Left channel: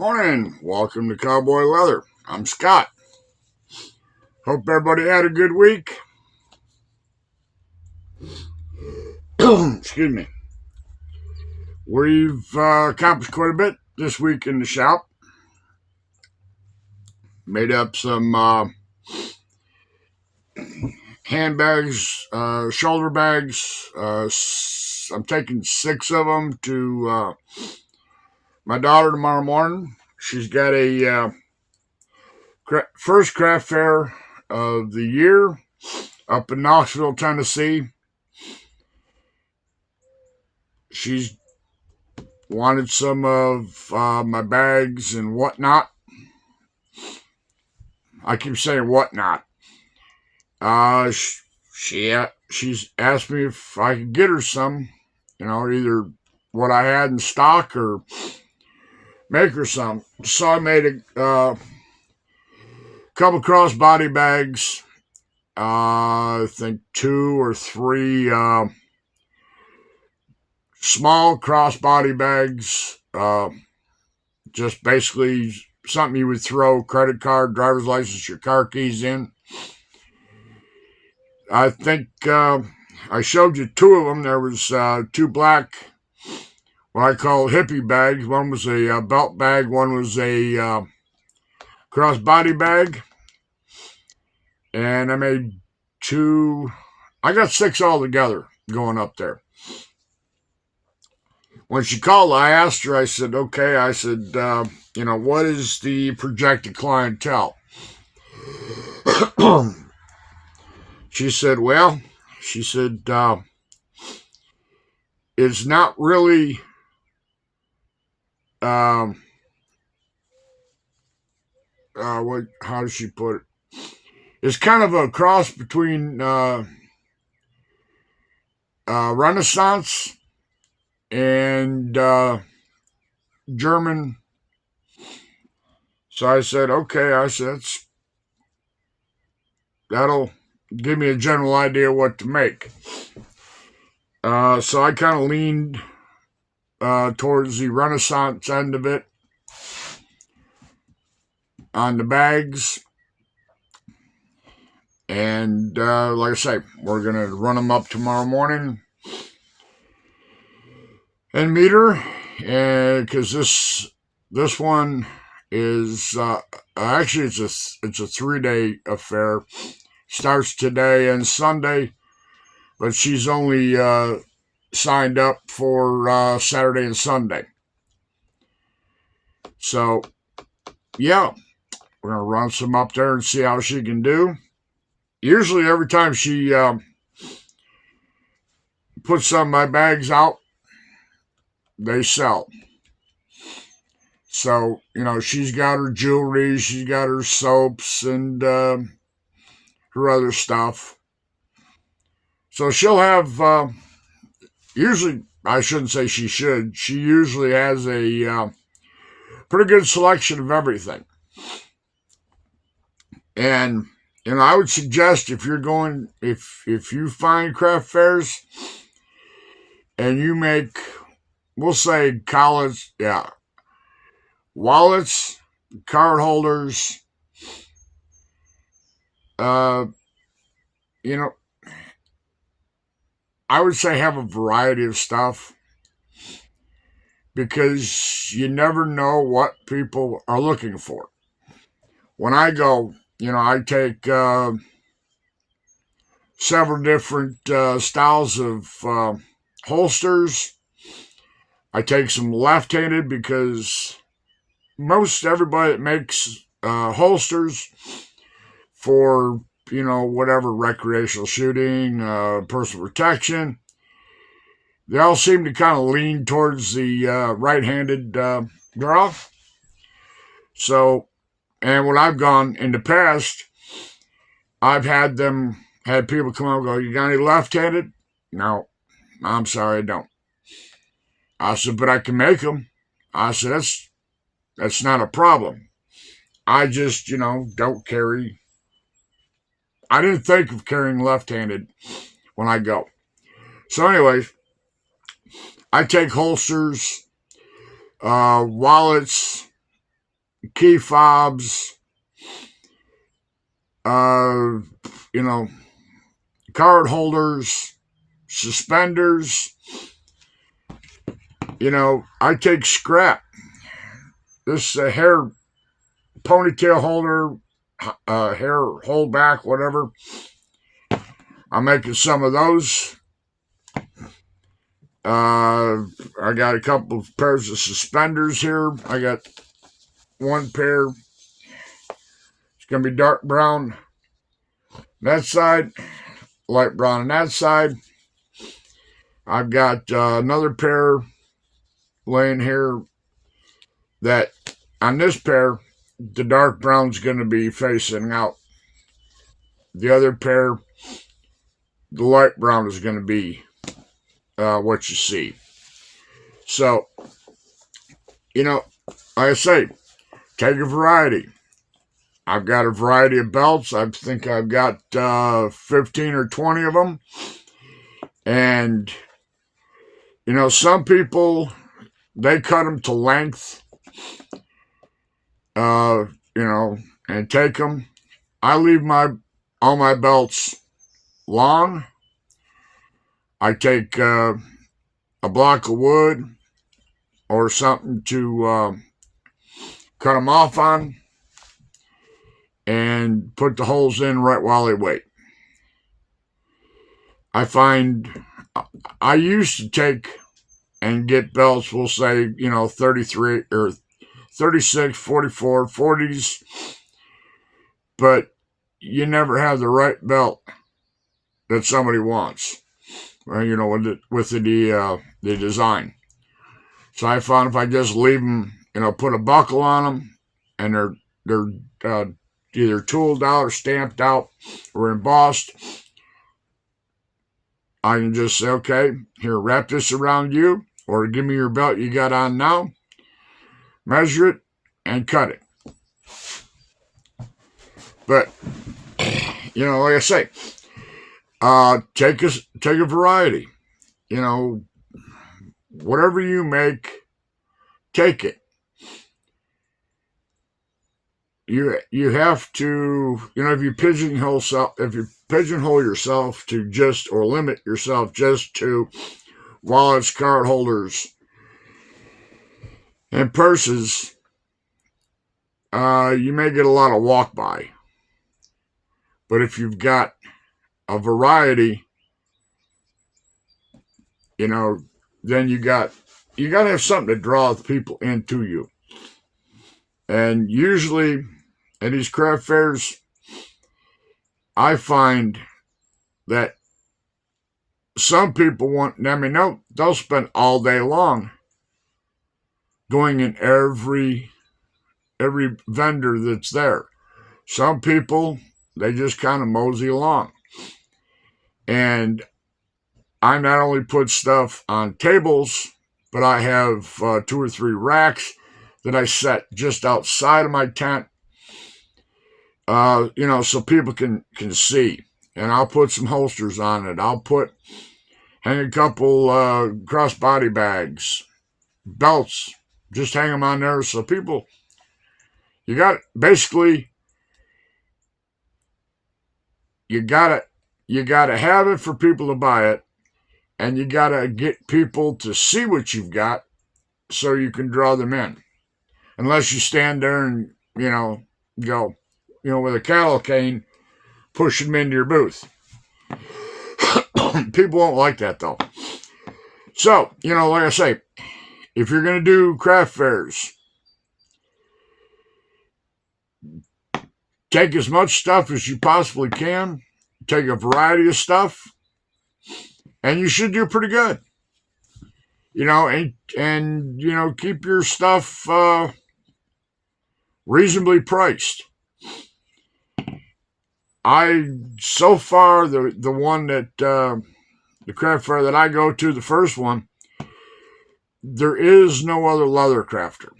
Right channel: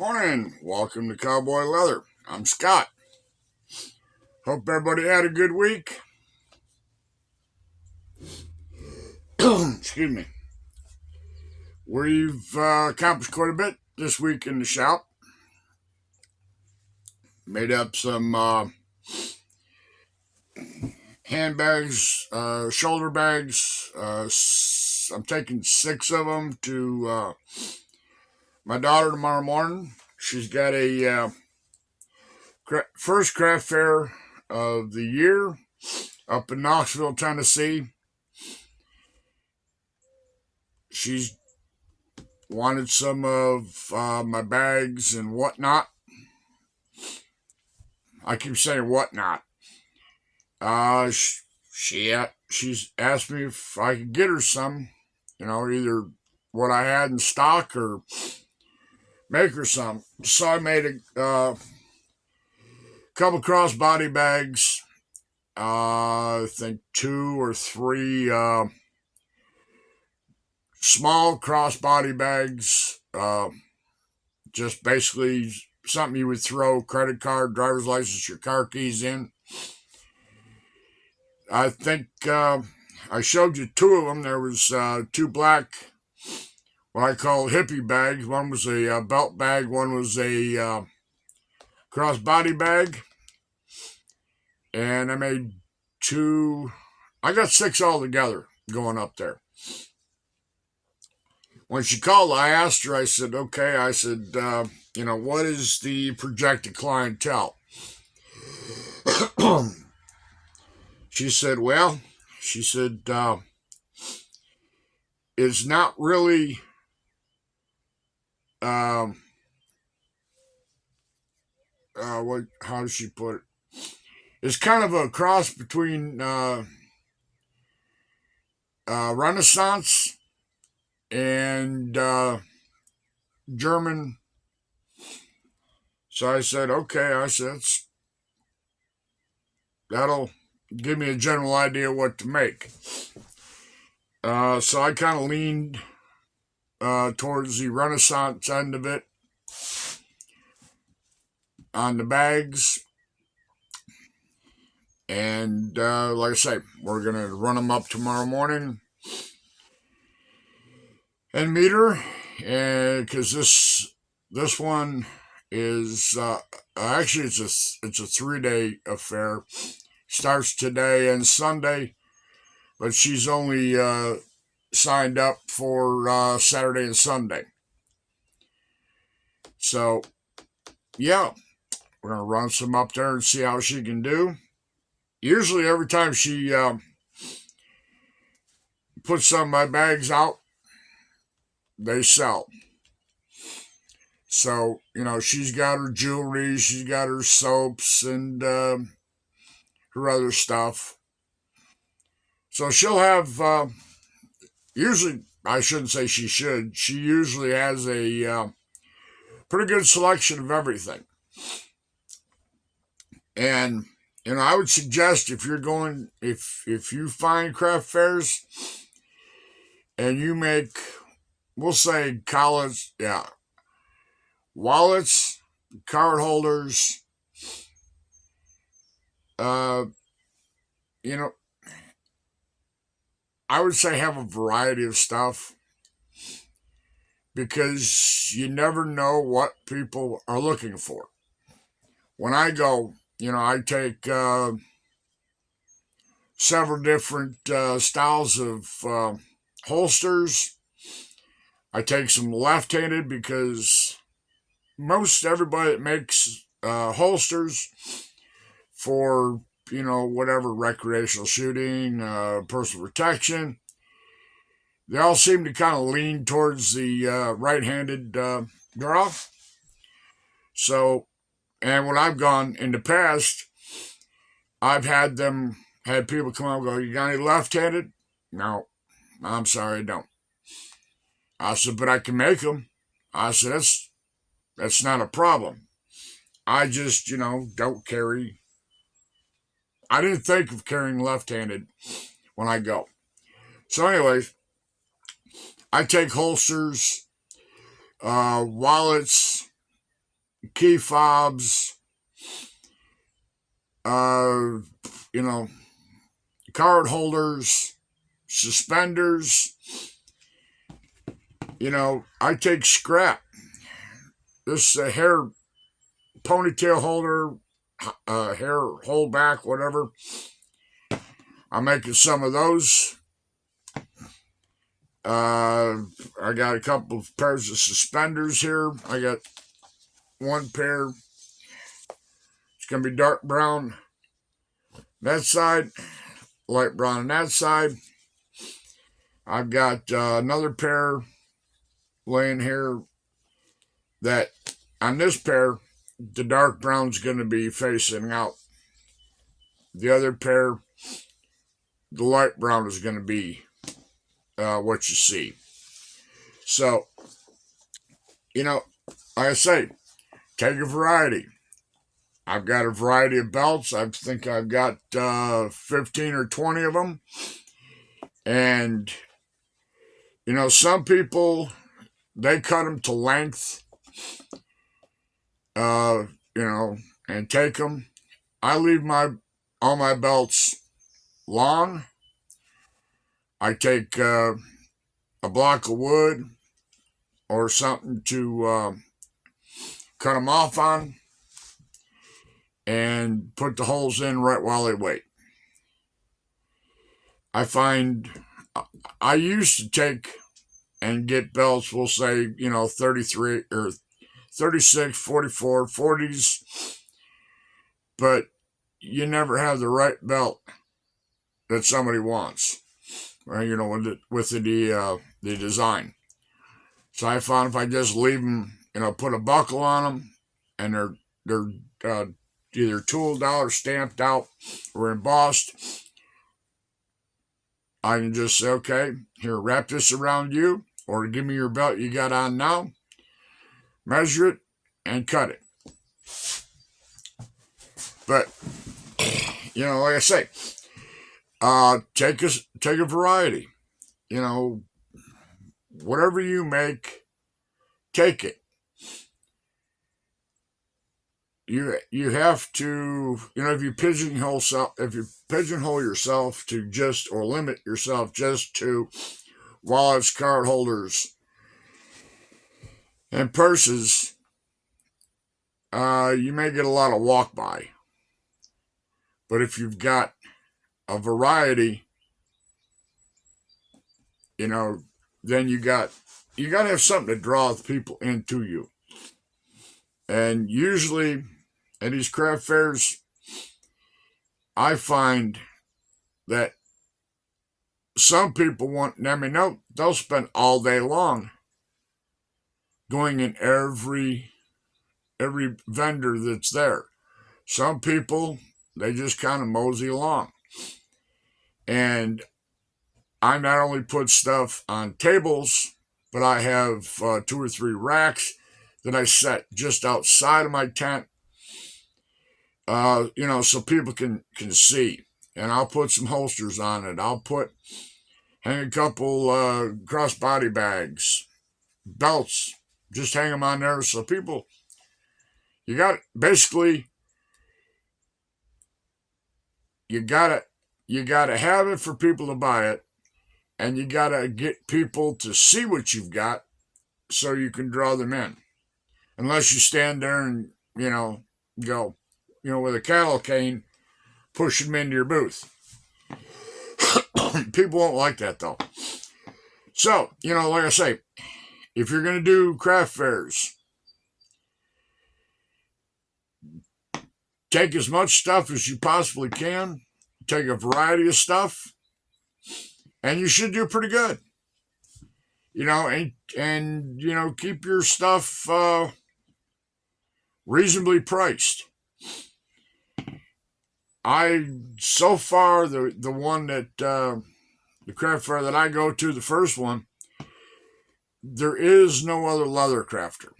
Morning. Welcome to Cowboy Leather. I'm Scott. Hope everybody had a good week. Excuse me. We've accomplished quite a bit this week in the shop. Made up some handbags, shoulder bags. I'm taking 6 of them to my daughter tomorrow morning. She's got a first craft fair of the year up in Knoxville, Tennessee. She's wanted some of my bags and whatnot. I keep saying whatnot. Uh, she's asked me if I could get her some, either what I had in stock or make her some. So I made a couple crossbody bags. I think 2 or 3 small crossbody bags. Just basically something you would throw credit card, driver's license, your car keys in. I think I showed you 2 of them. There was 2 black, what I call hippie bags. One was a belt bag. One was a crossbody bag. And I made 2. I got 6 altogether going up there. When she called, I asked her, I said, okay, I said, what is the projected clientele? She said, well, it's not really, how does she put it? It's kind of a cross between Renaissance and German. So I said, okay, that'll give me a general idea what to make. So I kind of leaned towards the Renaissance end of it on the bags. And like I say, we're going to run them up tomorrow morning and meet her. Because this one is actually it's a 3-day affair. Starts today and Sunday, but she's only signed up for Saturday and Sunday. So yeah, we're gonna run some up there and see how she can do. Usually, every time she puts some of my bags out, they sell. So, she's got her jewelry, she's got her soaps, and her other stuff. So she'll have, usually, I shouldn't say she should, she usually has a pretty good selection of everything. And, I would suggest if you're going, if you find craft fairs and you make, we'll say college, wallets, card holders, uh, you know, I would say have a variety of stuff because you never know what people are looking for. When I go, I take several different styles of holsters. I take some left-handed because most everybody that makes holsters for whatever recreational shooting, personal protection, they all seem to kind of lean towards the right-handed draw. So, and when I've gone in the past, I've had people come out and go, "You got any left-handed?" No, I'm sorry, I don't. I said, but I can make them. I said, that's not a problem. I just, don't carry. I didn't think of carrying left-handed when I go. So, anyways, I take holsters, wallets, key fobs, uh, you know, card holders, suspenders. I take scrap. This hair ponytail holder, hair holdback, whatever. I'm making some of those. I got a couple of pairs of suspenders here. I got one pair. It's going to be dark brown on that side, light brown on that side. I've got another pair laying here that on this pair, the dark brown's going to be facing out. The other pair, the light brown is going to be what you see. So, like I say, take a variety. I've got a variety of belts. I think I've got 15 or 20 of them. And, some people, they cut them to length, and take them. I leave all my belts long. I take a block of wood or something to cut them off on and put the holes in right while they wait. I find I used to take and get belts, we'll say, 33 or 36, 44, 40s, but you never have the right belt that somebody wants, with the design. So I found if I just leave them, put a buckle on them, and they're either tooled out or stamped out or embossed, I can just say, okay, here, wrap this around you, or give me your belt you got on now, measure it, and cut it. But, like I say, take a variety. Whatever you make, take it. You have to, if you pigeonhole yourself to just, or limit yourself just to wallets, card holders, and purses, you may get a lot of walk by. But if you've got a variety, then you got to have something to draw people into you. And usually at these craft fairs, I find that some people they'll spend all day long going in every vendor that's there. Some people, they just kind of mosey along. And I not only put stuff on tables, but I have 2 or 3 racks that I set just outside of my tent, so people can see. And I'll put some holsters on it. I'll hang a couple crossbody bags, belts, just hang them on there so people, you got to have it for people to buy it, and you got to get people to see what you've got so you can draw them in. Unless you stand there and, go, with a cattle cane, push them into your booth. People won't like that, though. So, like I say, if you're going to do craft fairs, take as much stuff as you possibly can. Take a variety of stuff, and you should do pretty good. And keep your stuff reasonably priced. So far, the one that the craft fair that I go to, the first one, there is no other leather crafter.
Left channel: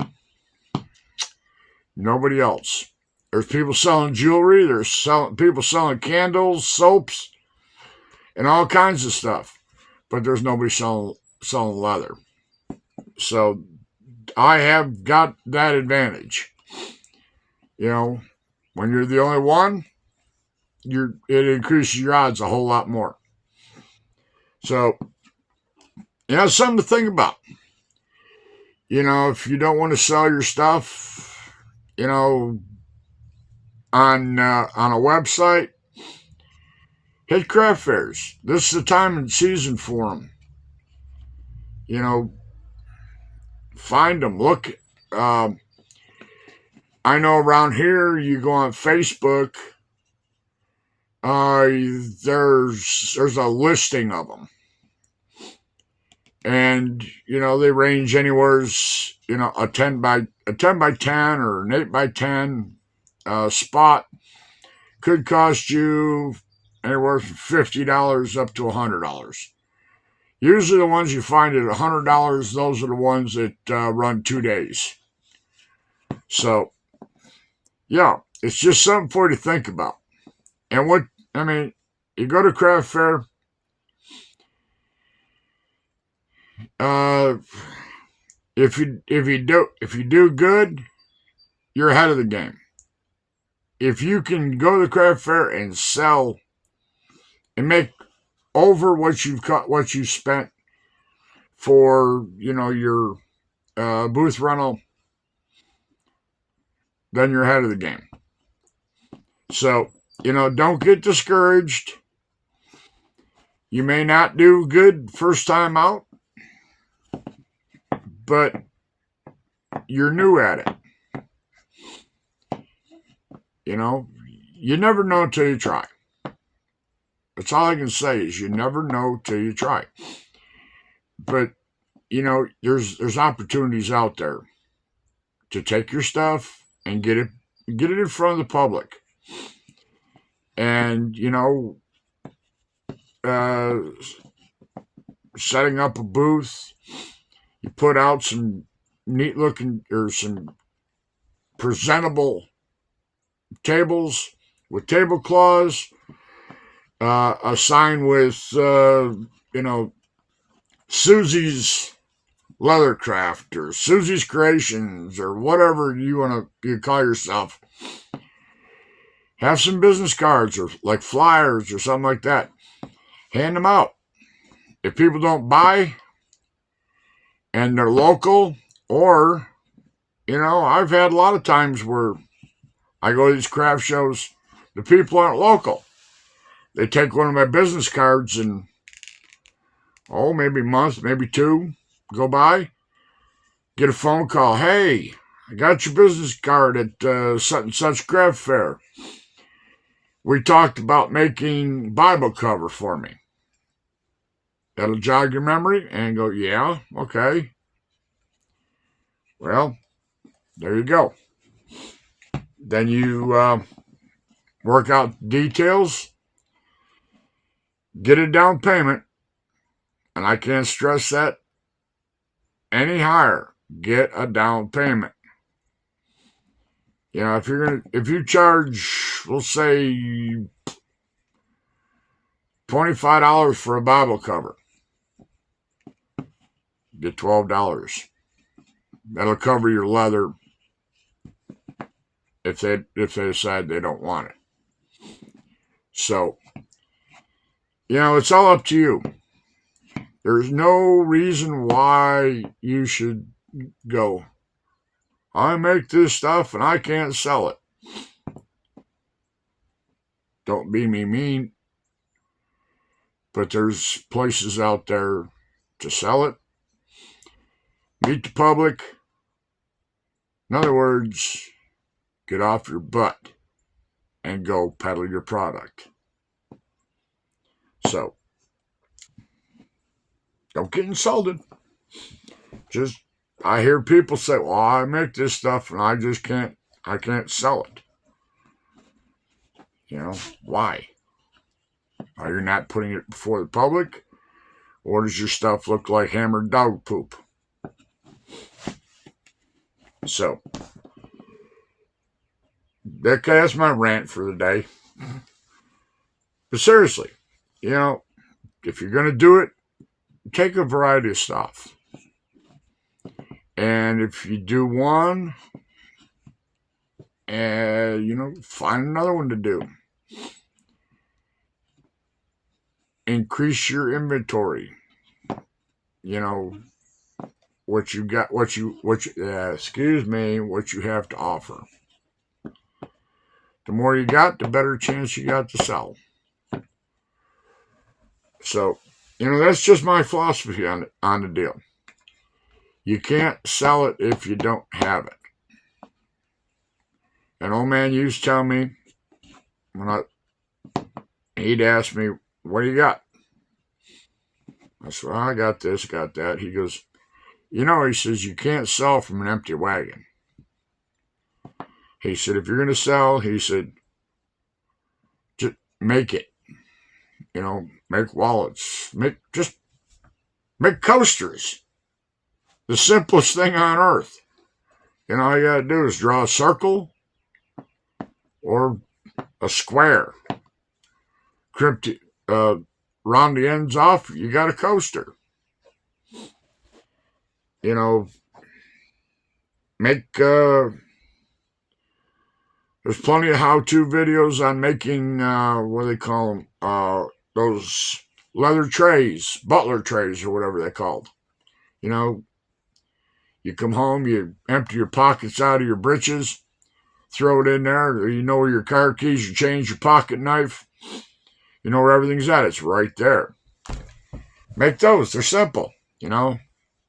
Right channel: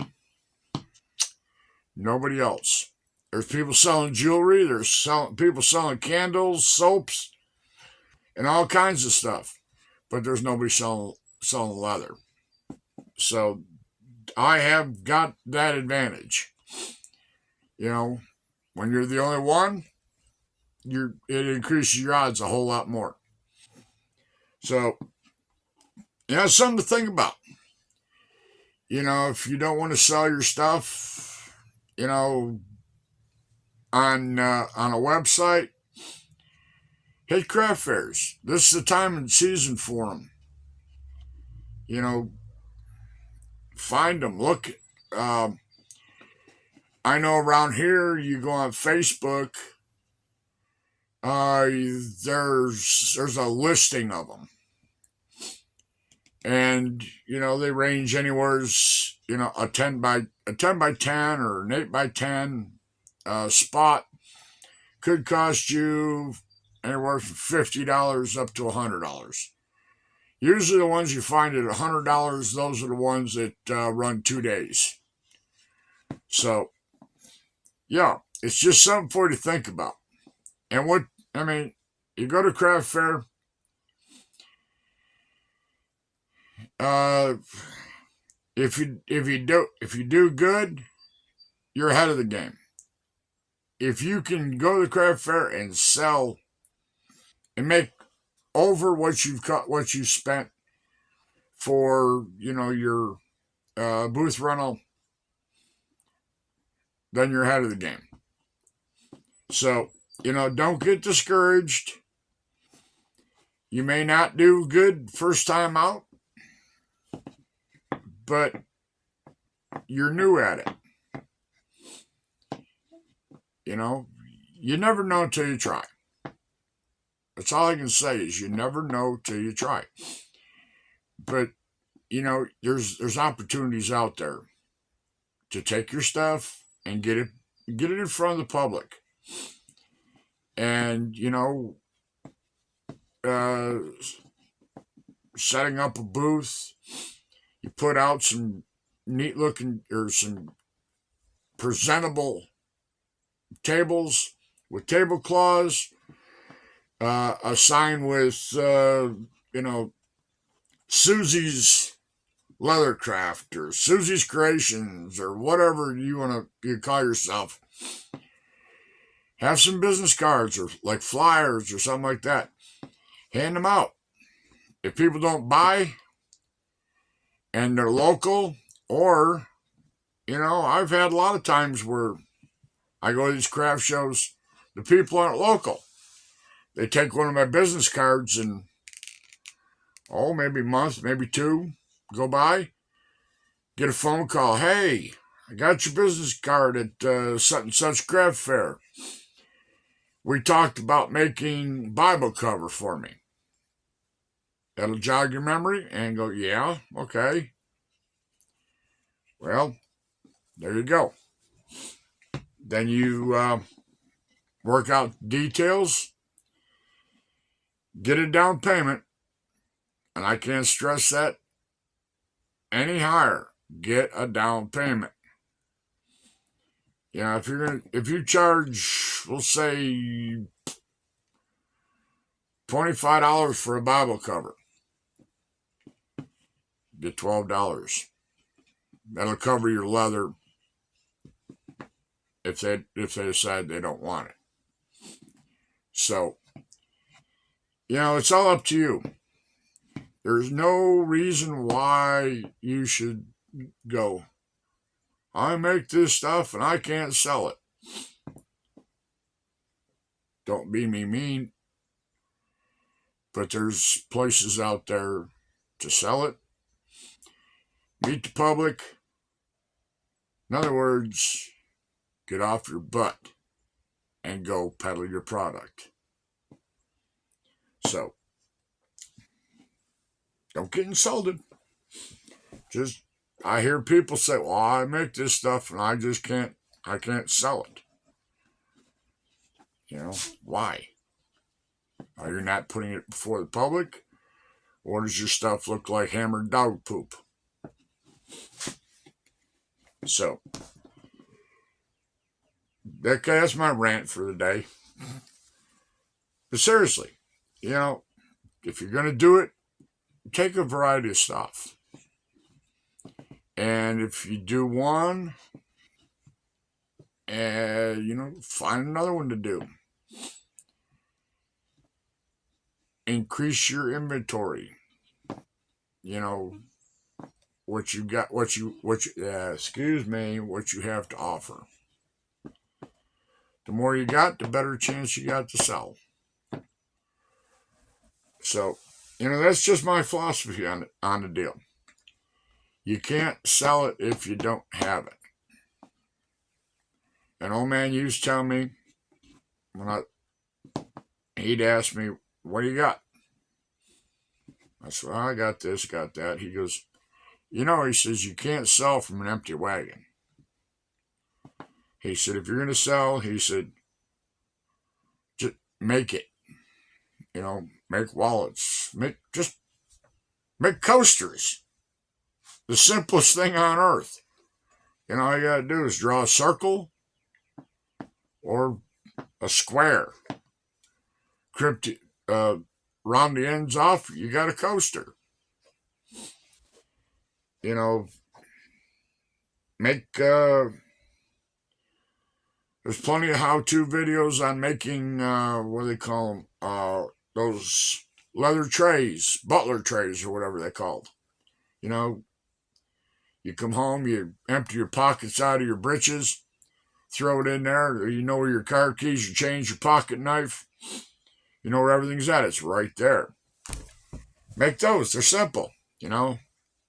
Nobody else. There's people selling jewelry. There's people selling candles, soaps, and all kinds of stuff. But there's nobody selling leather. So I have got that advantage. You know, when you're the only one, it increases your odds a whole lot more. So, something to think about. If you don't want to sell your stuff, on a website, hit craft fairs. This is the time and season for them. Find them. Look. Um, I know around here, you go on Facebook. There's a listing of them, and they range anywhere. A 10 by 10 or an 8 by 10 spot could cost you anywhere from $50 up to $100. Usually, the ones you find at $100, those are the ones that run 2 days. So, yeah, it's just something for you to think about. And you go to craft fair. If you do good, you're ahead of the game. If you can go to the craft fair and sell and make over what you spent for your booth rental, then you're ahead of the game. So don't get discouraged. You may not do good first time out, but you're new at it. You never know until you try. That's all I can say is you never know till you try. But there's opportunities out there to take your stuff and get it in front of the public. And setting up a booth, you put out some neat looking or some presentable tables with tablecloths, a sign with Susie's Leathercraft or Susie's Creations or whatever you call yourself. Have some business cards or like flyers or something like that. Hand them out. If people don't buy and they're local, or I've had a lot of times where I go to these craft shows, the people aren't local. They take one of my business cards and maybe a month, maybe two go by, get a phone call. Hey, I got your business card at such and such craft fair. We talked about making Bible cover for me. That'll jog your memory and go, yeah, okay. Well, there you go. Then you work out details, get a down payment, and I can't stress that any higher. Get a down payment. If you charge, we'll say $25 for a Bible cover, get $12. That'll cover your leather if they decide they don't want it. So, it's all up to you. There's no reason why you should go, I make this stuff and I can't sell it. Don't be mean, but there's places out there to sell it. Meet the public. In other words, get off your butt and go peddle your product. So, don't get insulted. I hear people say, well, I make this stuff and I can't sell it. Why? Are you not putting it before the public? Or does your stuff look like hammered dog poop? So, okay, that's my rant for the day. But seriously, if you're going to do it, take a variety of stuff. And if you do one, and, find another one to do. Increase your inventory. What you got, what you what you have to offer. The more you got, the better chance you got to sell. So, that's just my philosophy on the deal. You can't sell it if you don't have it. An old man used to tell me, he'd ask me, what do you got? I said, well, I got this, got that. He goes, he says, you can't sell from an empty wagon. He said, if you're going to sell, he said, just make it. Make wallets. Make coasters. The simplest thing on earth. All you got to do is draw a circle or a square. Round the ends off, you got a coaster. Make there's plenty of how-to videos on making what do they call them? Those leather trays, butler trays, or whatever they're called. You come home, you empty your pockets out of your breeches, throw it in there. You know where your car keys, your change, your pocket knife. You know where everything's at. It's right there. Make those. They're simple. Not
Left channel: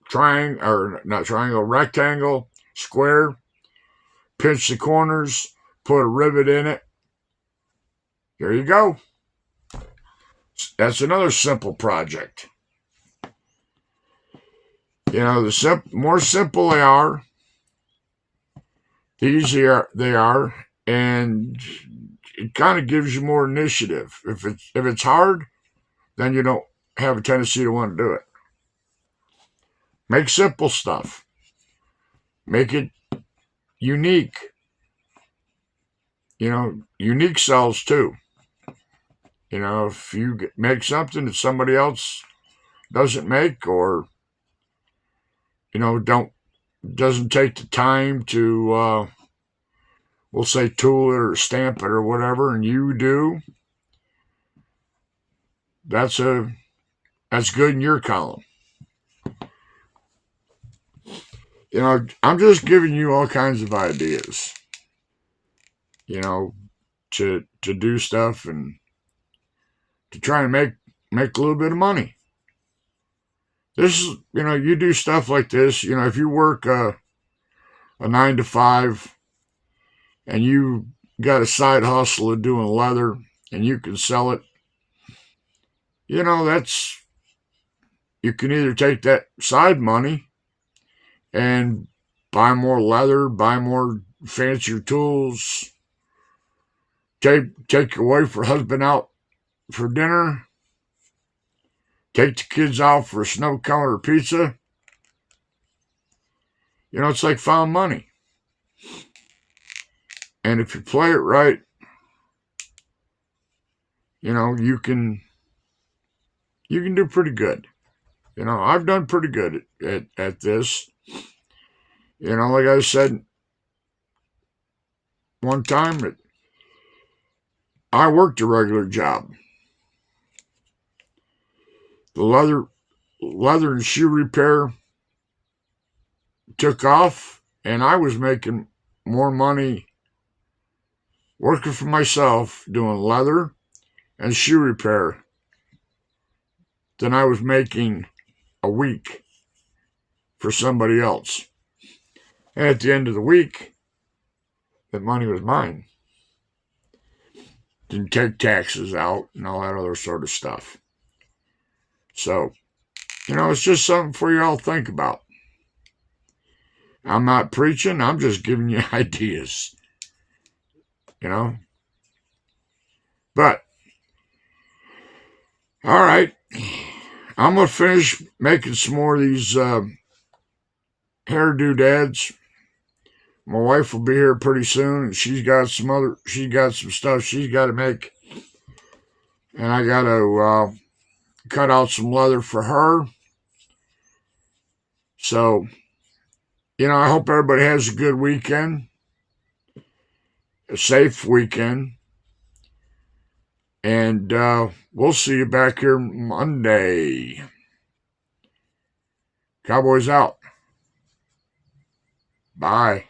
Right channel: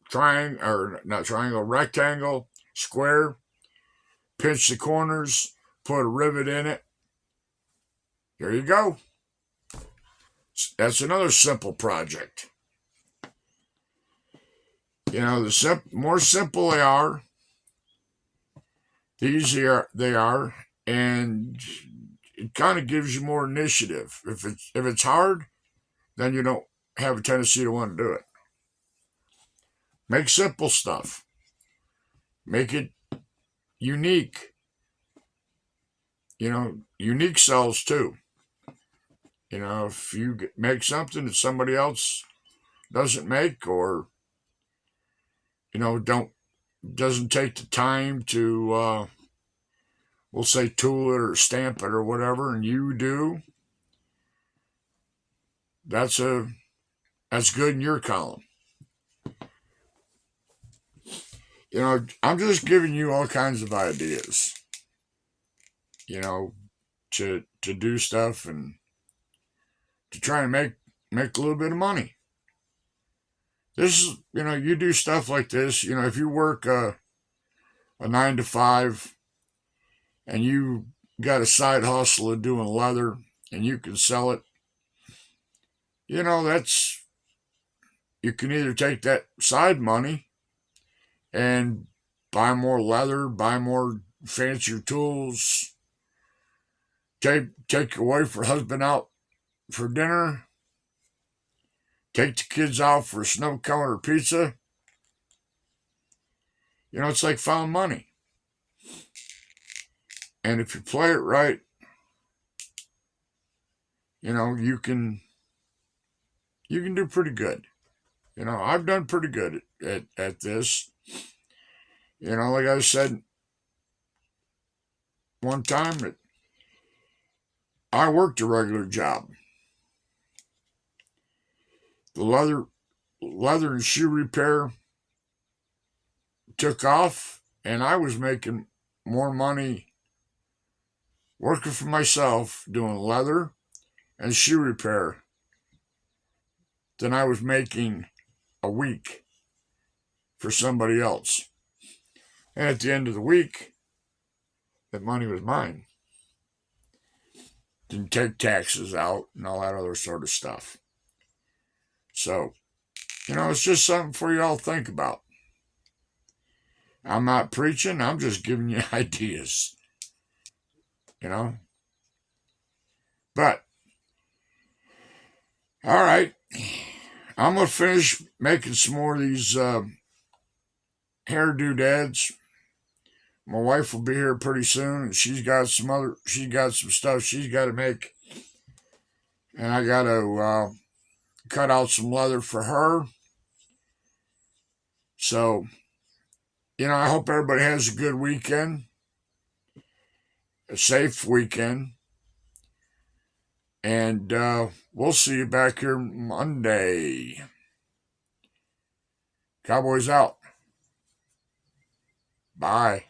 triangle, rectangle, square. Pinch the corners. Put a rivet in it. Here you go. That's another simple project. The more simple they are, the easier they are, and it kind of gives you more initiative. If it's hard, then you don't have a tendency to want to do it. Make simple stuff. Make it unique. Unique sells too. If you make something that somebody else doesn't make, or doesn't take the time to we'll say tool it or stamp it or whatever, and you do, that's good in your column. I'm just giving you all kinds of ideas, to do stuff and to try and make a little bit of money. This is, you do stuff like this, if you work a 9 to 5 and you got a side hustle of doing leather and you can sell it, you can either take that side money and buy more leather, buy more fancier tools, take your wife or husband out for dinner, take the kids out for a snow cone or pizza. It's like found money. And if you play it right, you can do pretty good. I've done pretty good at this. Like I said one time, I worked a regular job. The leather and shoe repair took off, and I was making more money working for myself doing leather and shoe repair than I was making a week for somebody else. And at the end of the week, the money was mine. Didn't take taxes out and all that other sort of stuff. So, it's just something for you all to think about. I'm not preaching, I'm just giving you ideas. But, all right, I'm going to finish making some more of these hair doodads. My wife will be here pretty soon, and she's got some stuff she's got to make. And I got to cut out some leather for her. So, I hope everybody has a good weekend. a safe weekend. And we'll see you back here Monday. Cowboys out. Bye.